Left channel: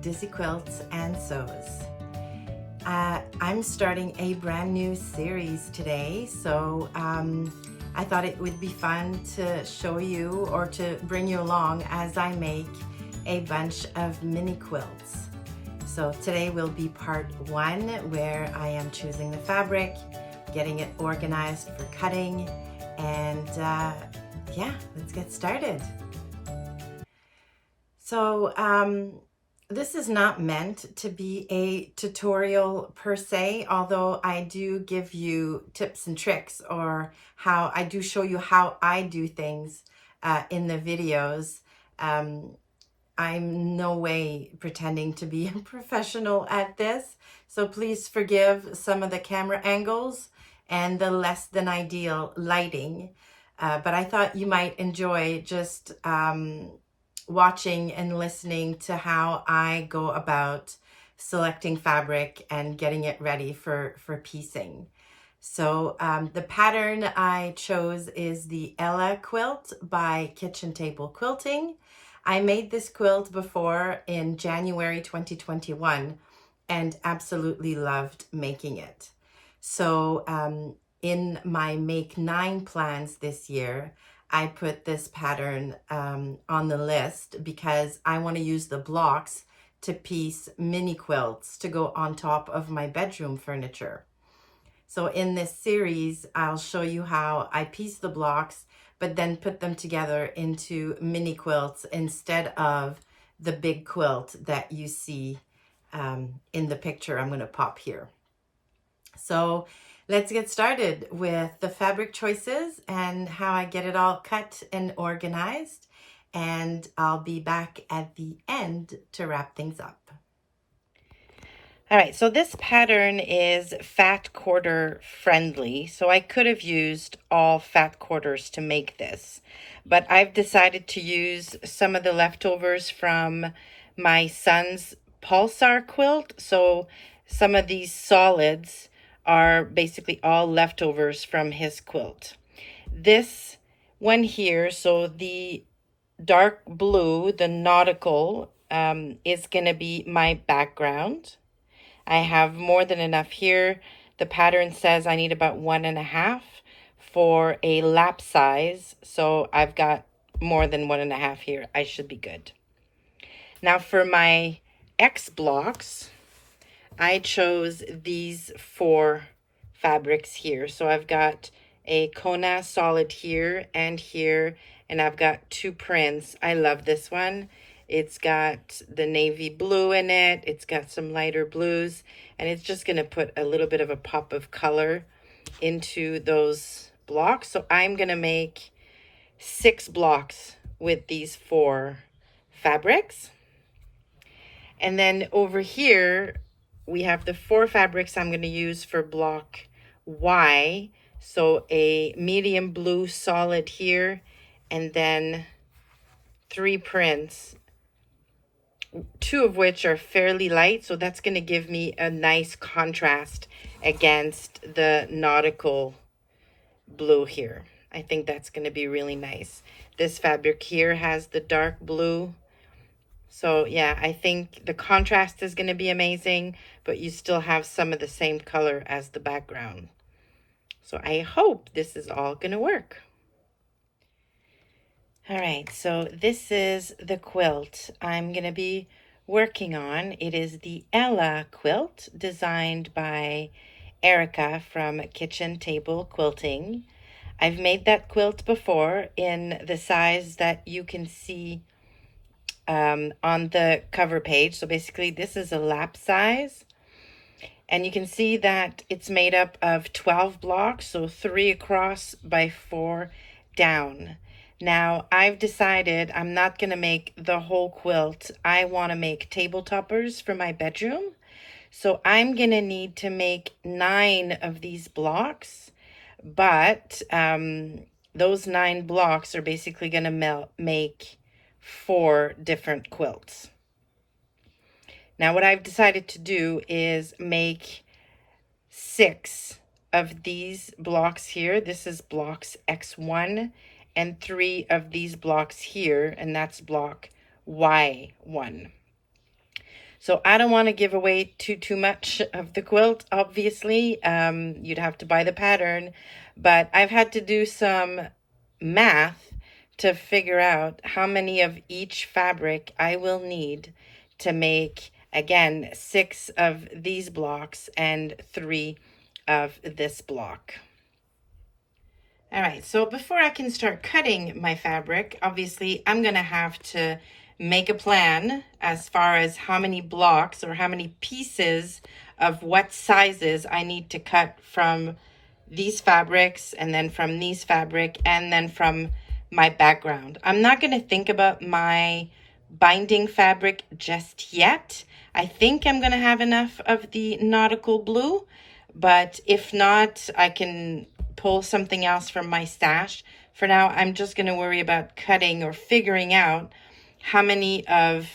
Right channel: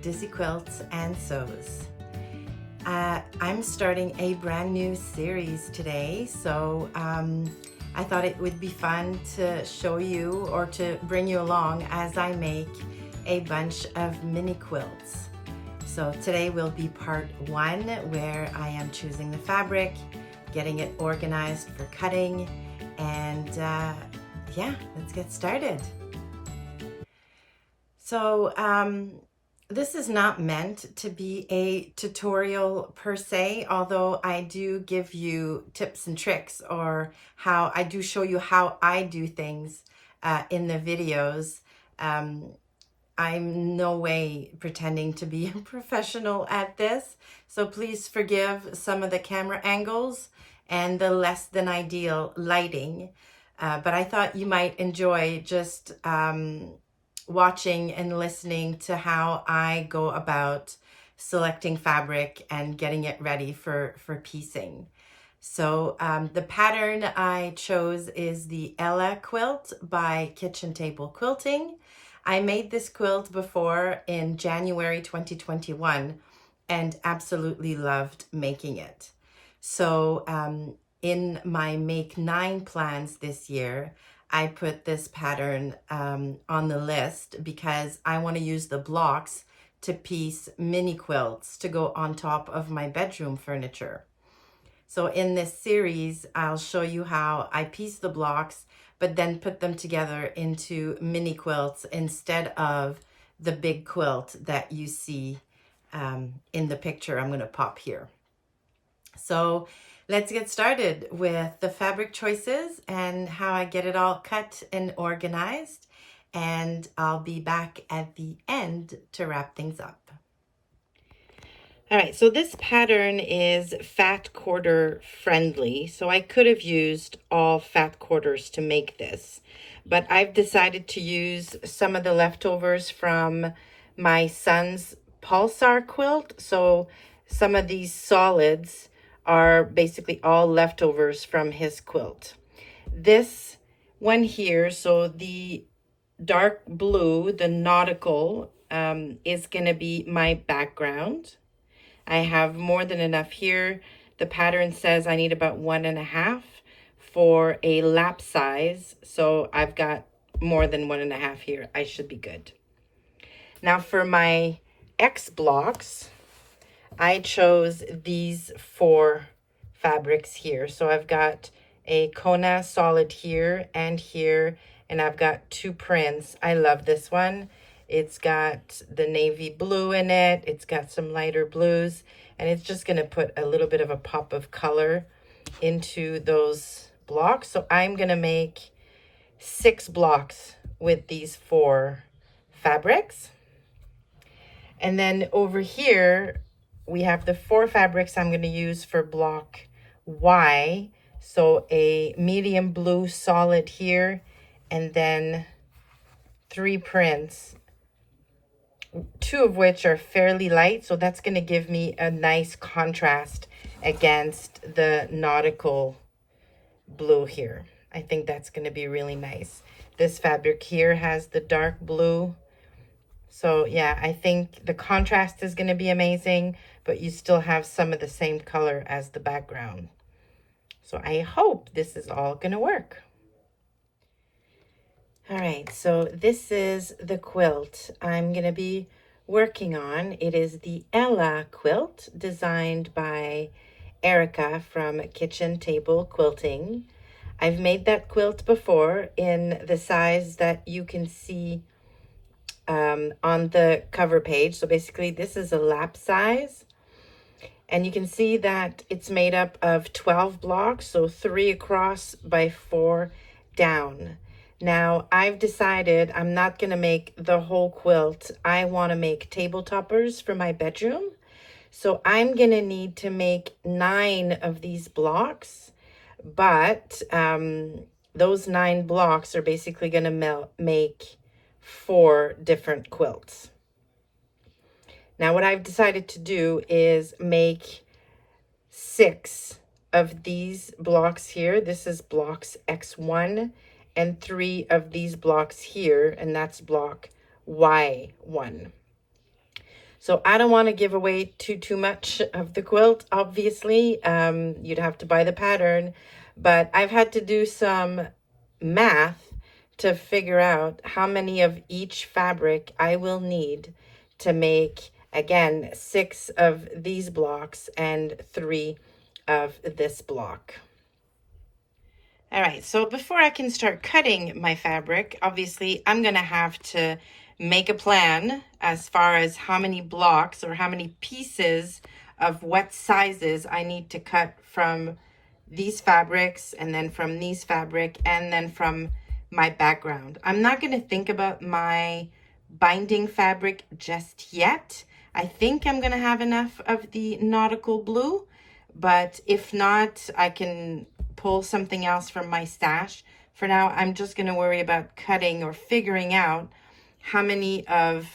Dizzy Quilts and Sews. I'm starting a brand new series today, so I thought it would be fun to show you or to bring you along as I make a bunch of mini quilts. So today will be part 1, where I am choosing the fabric, getting it organized for cutting, and yeah, let's get started. So this is not meant to be a tutorial per se, although I do give you tips and tricks, or how I do show you how I do things in the videos. I'm no way pretending to be a professional at this, so please forgive some of the camera angles and the less than ideal lighting. But I thought you might enjoy just watching and listening to how I go about selecting fabric and getting it ready for piecing. So the pattern I chose is the Ella quilt by Kitchen Table Quilting. I made this quilt before in January 2021 and absolutely loved making it. So in my Make 9 plans this year, I put this pattern on the list because I want to use the blocks to piece mini quilts to go on top of my bedroom furniture. So in this series, I'll show you how I piece the blocks, but then put them together into mini quilts instead of the big quilt that you see in the picture I'm going to pop here. So let's get started with the fabric choices and how I get it all cut and organized. And I'll be back at the end to wrap things up. All right, so this pattern is fat quarter friendly. So I could have used all fat quarters to make this, but I've decided to use some of the leftovers from my son's Pulsar quilt. So some of these solids are basically all leftovers from his quilt. This one here, so the dark blue, the nautical, is going to be my background. I have more than enough here. The pattern says I need about 1.5 for a lap size, so I've got more than 1.5 here. I should be good. Now for my X blocks, I chose these 4 fabrics here. So I've got a Kona solid here and here, and I've got 2 prints. I love this one. It's got the navy blue in it. It's got some lighter blues, and it's just going to put a little bit of a pop of color into those blocks. So I'm going to make 6 blocks with these 4 fabrics. And then over here, we have the 4 fabrics I'm going to use for block Y. So a medium blue solid here, and then 3 prints, 2 of which are fairly light. So that's going to give me a nice contrast against the nautical blue here. I think that's going to be really nice. This fabric here has the dark blue. So yeah, I think the contrast is going to be amazing, but you still have some of the same color as the background. So I hope this is all going to work. All right, so this is the quilt I'm going to be working on. It is the Ella quilt, designed by Erica from Kitchen Table Quilting. I've made that quilt before in the size that you can see on the cover page. So basically this is a lap size, and you can see that it's made up of 12 blocks, so 3 across by 4 down. Now I've decided I'm not going to make the whole quilt. I want to make table toppers for my bedroom, so I'm going to need to make 9 of these blocks, but those 9 blocks are basically going to make 4 different quilts. Now what I've decided to do is make 6 of these blocks here. This is blocks X1, and 3 of these blocks here, and that's block Y1. So I don't want to give away too much of the quilt, obviously. You'd have to buy the pattern, but I've had to do some math to figure out how many of each fabric I will need to make, again, 6 of these blocks and 3 of this block. All right, so before I can start cutting my fabric, obviously I'm gonna have to make a plan as far as how many blocks or how many pieces of what sizes I need to cut from these fabrics, and then from these fabric, and then from my background. I'm not gonna think about my binding fabric just yet. I think I'm gonna have enough of the nautical blue, but if not, I can pull something else from my stash. For now, I'm just going to worry about cutting or figuring out how many of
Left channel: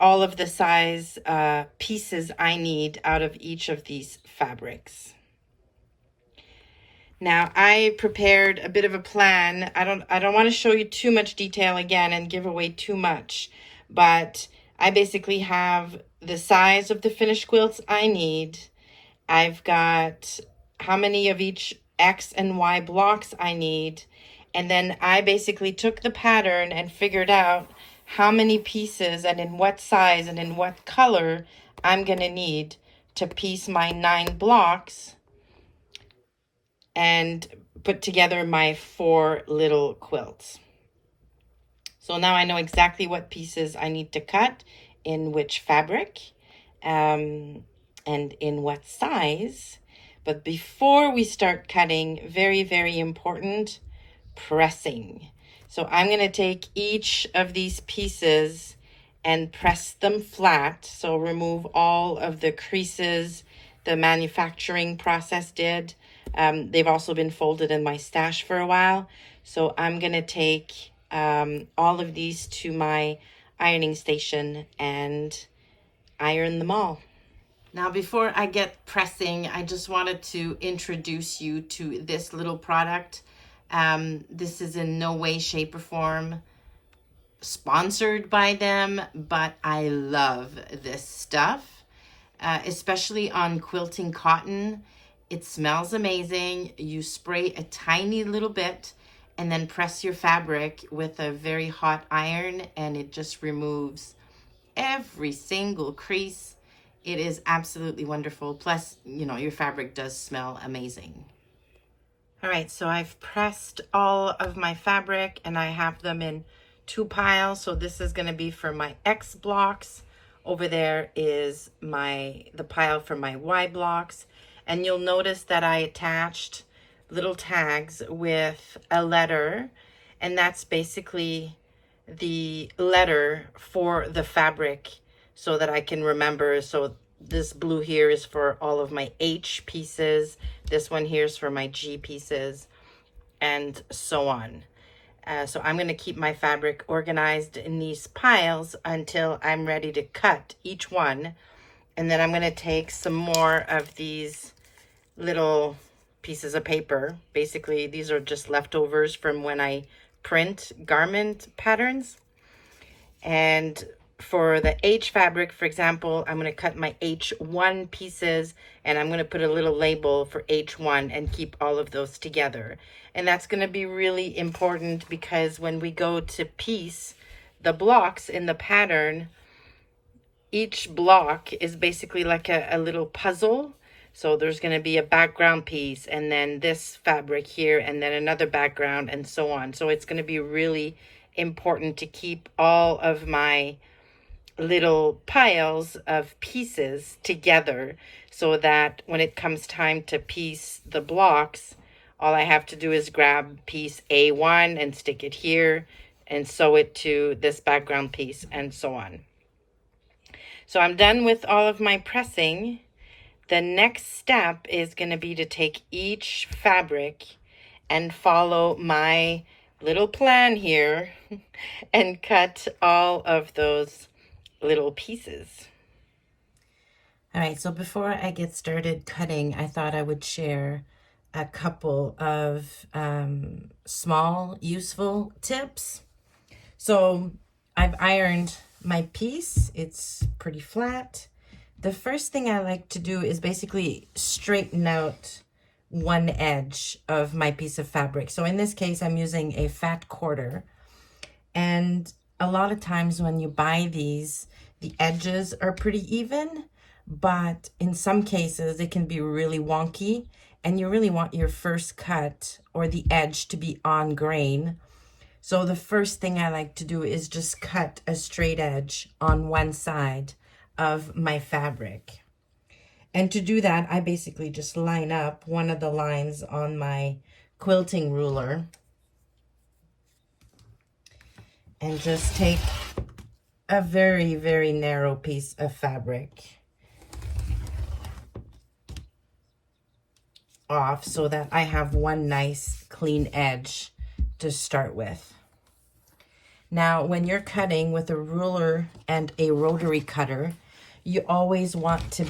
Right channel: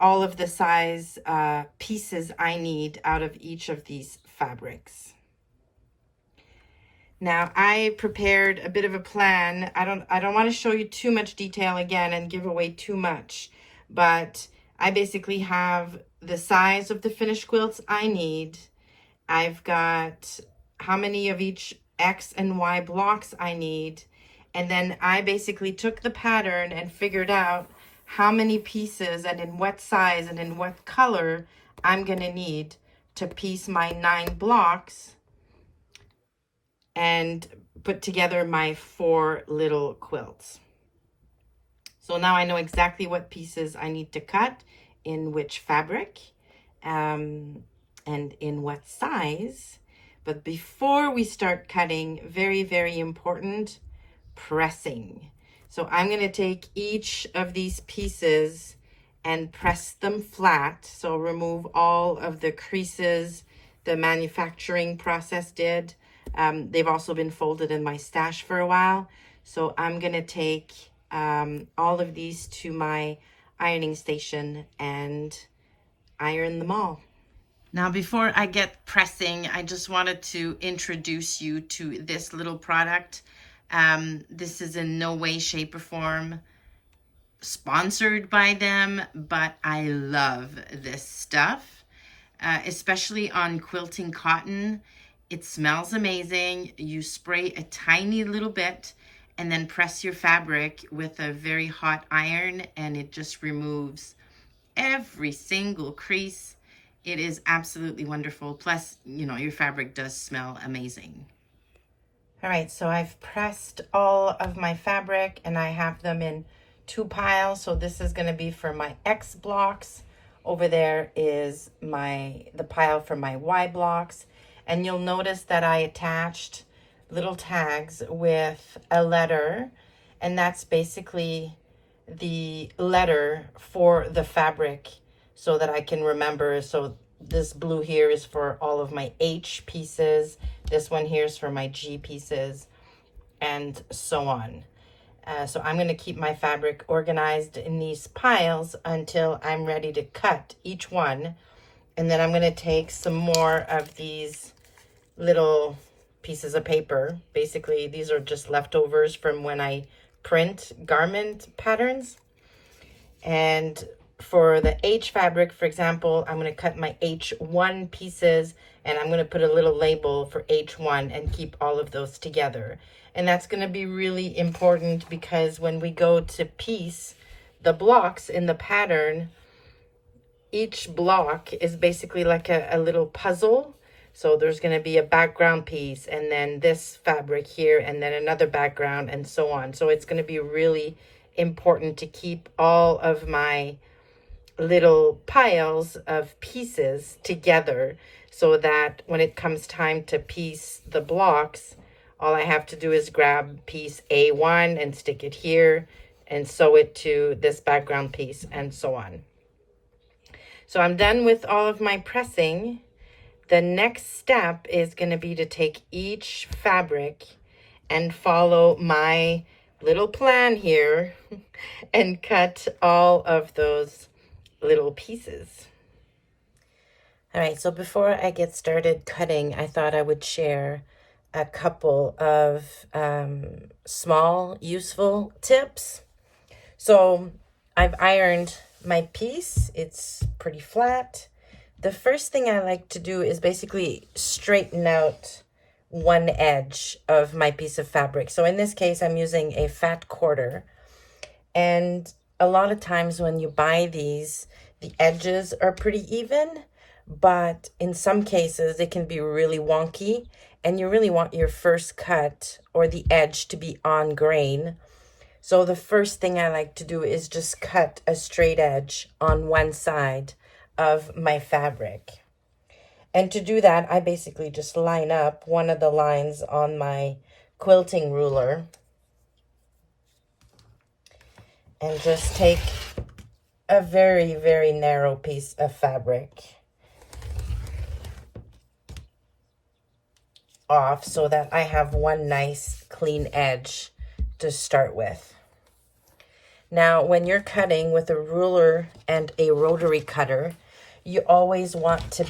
all of the size pieces I need out of each of these fabrics. Now, I prepared a bit of a plan. I don't want to show you too much detail again and give away too much, but I basically have the size of the finished quilts I need. I've got how many of each X and Y blocks I need. And then I basically took the pattern and figured out how many pieces and in what size and in what color I'm going to need to piece my 9 blocks and put together my 4 little quilts. So now I know exactly what pieces I need to cut in which fabric and in what size. But before we start cutting, very, very important, pressing. So I'm going to take each of these pieces and press them flat. So remove all of the creases the manufacturing process did. They've also been folded in my stash for a while. So I'm going to take all of these to my ironing station and iron them all. Now, before I get pressing, I just wanted to introduce you to this little product. This is in no way, shape, or form sponsored by them, but I love this stuff, especially on quilting cotton. It smells amazing. You spray a tiny little bit and then press your fabric with a very hot iron, and it just removes every single crease. It is absolutely wonderful. Plus, you know, your fabric does smell amazing. All right, so I've pressed all of my fabric and I have them in 2 piles. So this is going to be for my X blocks. Over there is the pile for my Y blocks. And you'll notice that I attached little tags with a letter, and that's basically the letter for the fabric, so that I can remember. So this blue here is for all of my H pieces. This one here is for my G pieces, and so on. So I'm going to keep my fabric organized in these piles until I'm ready to cut each one. And then I'm going to take some more of these little pieces of paper. Basically, these are just leftovers from when I print garment patterns. And for the H fabric, for example, I'm going to cut my H1 pieces, and I'm going to put a little label for H1 and keep all of those together. And that's going to be really important because when we go to piece the blocks in the pattern, each block is basically like a little puzzle. So there's going to be a background piece, and then this fabric here, and then another background, and so on. So it's going to be really important to keep all of my little piles of pieces together, so that when it comes time to piece the blocks, all I have to do is grab piece A1 and stick it here and sew it to this background piece, and so on. So I'm done with all of my pressing. The next step is going to be to take each fabric and follow my little plan here and cut all of those little pieces. All right, so before I get started cutting, I thought I would share a couple of small, useful tips. So I've ironed my piece. It's pretty flat. The first thing I like to do is basically straighten out one edge of my piece of fabric. So in this case, I'm using a fat quarter. And a lot of times when you buy these, the edges are pretty even, but in some cases it can be really wonky, and you really want your first cut or the edge to be on grain. So the first thing I like to do is just cut a straight edge on one side of my fabric. And to do that, I basically just line up one of the lines on my quilting ruler and just take a very, very narrow piece of fabric off so that I have one nice clean edge to start with. Now, when you're cutting with a ruler and a rotary cutter, you always want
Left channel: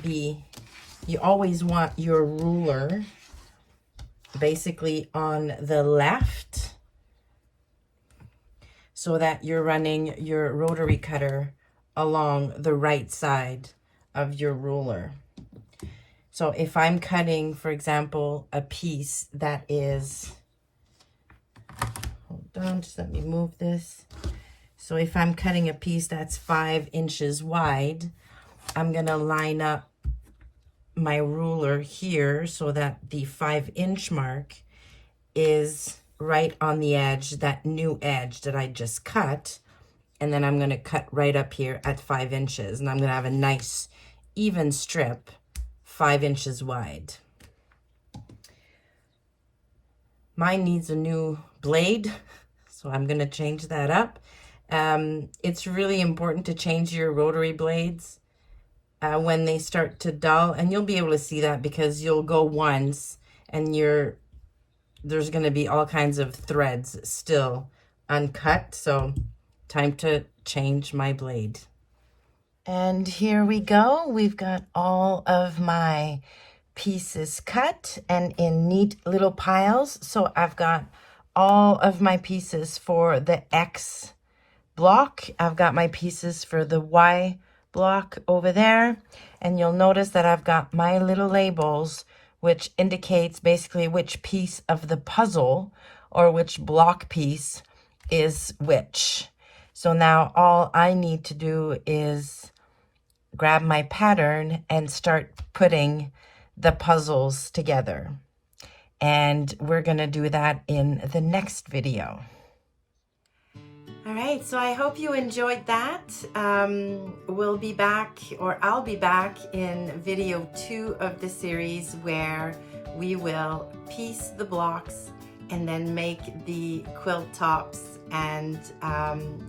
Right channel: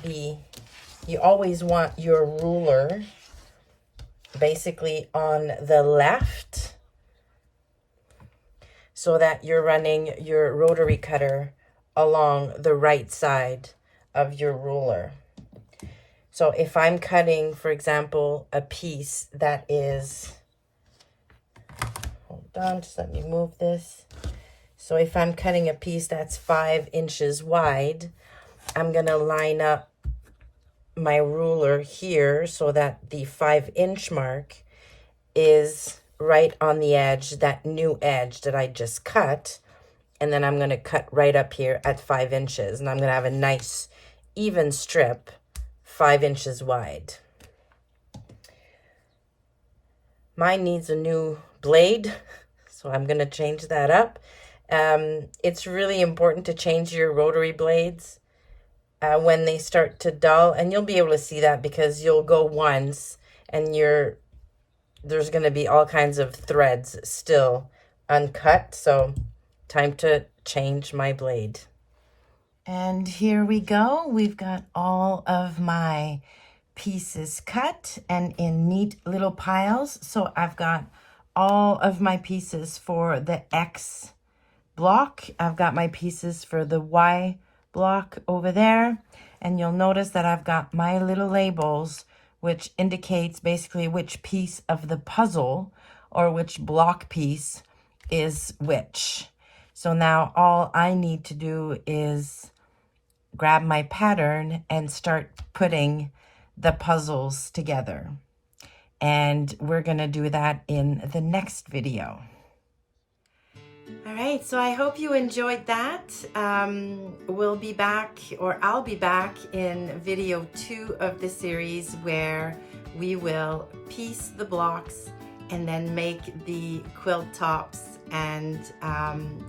your ruler basically on the left so that you're running your rotary cutter along the right side of your ruler. So if I'm cutting, for example, a piece that is, hold on, just let me move this. So if I'm cutting a piece that's 5 inches wide, I'm gonna line up my ruler here so that the 5-inch mark is right on the edge, that new edge that I just cut. And then I'm gonna cut right up here at 5 inches. And I'm gonna have a nice even strip 5 inches wide. Mine needs a new blade, so I'm gonna change that up. It's really important to change your rotary blades when they start to dull, and you'll be able to see that because you'll go once and there's going to be all kinds of threads still uncut. So time to change my blade. And here we go. We've got all of my pieces cut and in neat little piles. So I've got all of my pieces for the X block. I've got my pieces for the Y block over there, and you'll notice that I've got my little labels which indicates basically which piece of the puzzle or which block piece is which. So now all I need to do is grab my pattern and start putting the puzzles together, and we're gonna do that in the next video. All right, so I hope you enjoyed that. We'll be back, or I'll be back in video 2 of the series where we will piece the blocks and then make the quilt tops and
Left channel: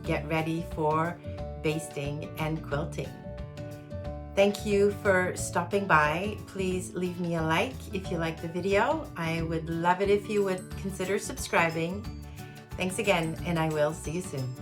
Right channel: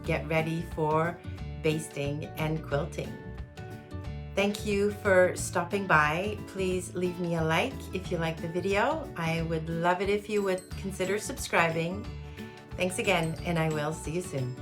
get ready for basting and quilting. Thank you for stopping by. Please leave me a like if you like the video. I would love it if you would consider subscribing. Thanks again, and I will see you soon.